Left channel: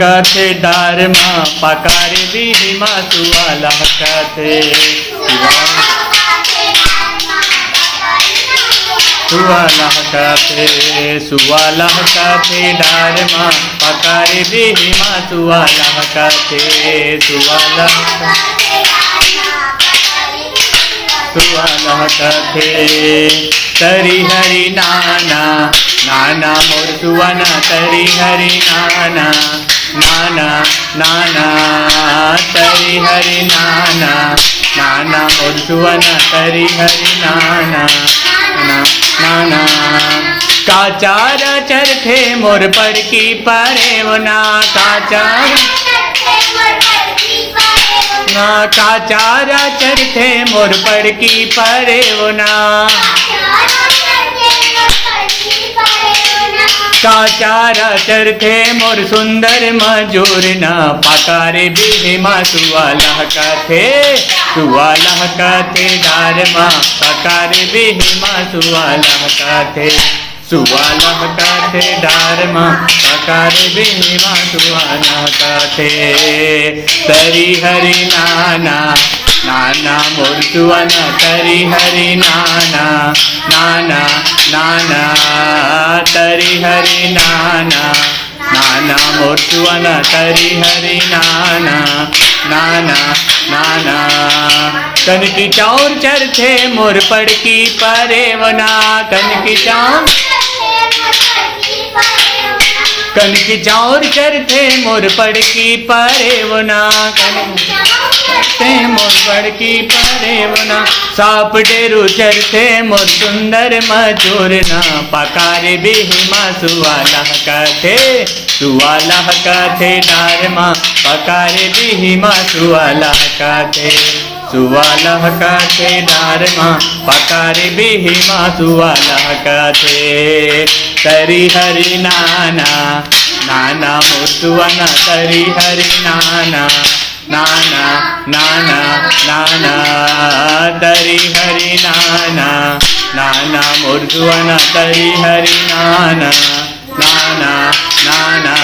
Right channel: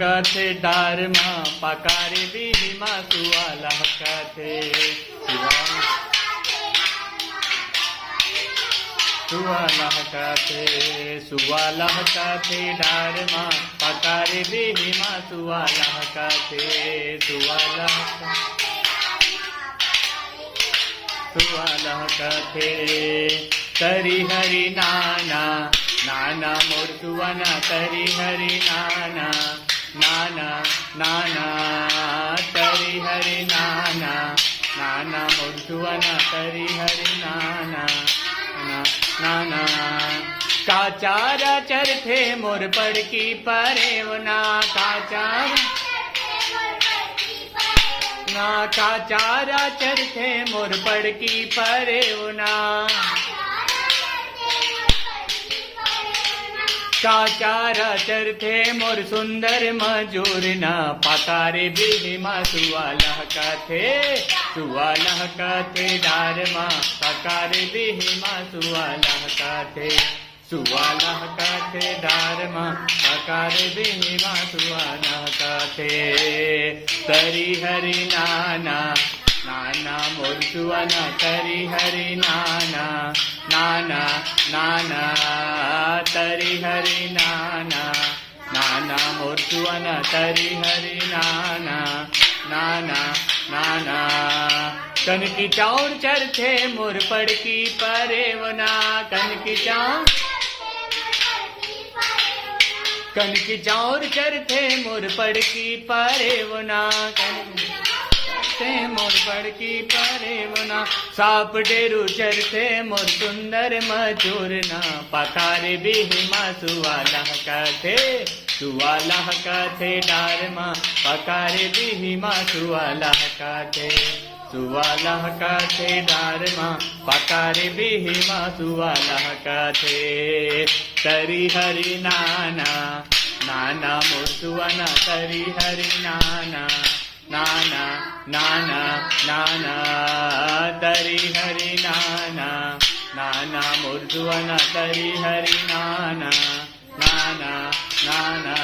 कथे डारमा पकारे बिहिमा सुवाला कथे सुवाला कथे डारमा पकारे बिहिमा सुवाला कथे सुवाला कथे तरी हरि नाना नाना मोर सुवना तरी हरि नाना नाना नाना तरी हरि नाना नाना मोर सुवना तरी हरि नाना नाना काचार चरथे मोर पड़की परेवना काचार काचारा चरथे मोर पड़की परेवना काचारा चरथे मोर सुंदर मजूरना पकारे बिहिमा सुवाला कथे डारमा पकारे बिहिमा सुवाला कथे डारमा पकारे बिहिमा सुवाला कथे तरी हरि नाना नाना मोर सुवना तरी हरि नाना नाना नाना तरी हरि नाना नाना मोर सुवना तरी हरि नाना नाना नाना कनकी चाउर चरथे मोर पड़की परेवना कनकी चाउर चरथे मोर पड़की परेवना मोर पड़की परेवना साप डेरू चरथे मोर सुंदर मजूरना पकारे बिहिमा सुवाला कथे डारमा पकारे बिहिमा सुवाला कथे डारमा पकारे बिहिमा सुवाला कथे तरी हरि नाना नाना मोर सुवना तरी हरि नाना नाना नाना नाना तरी हरि नाना नाना मोर सुवना तरी हरि नाना नाना नाना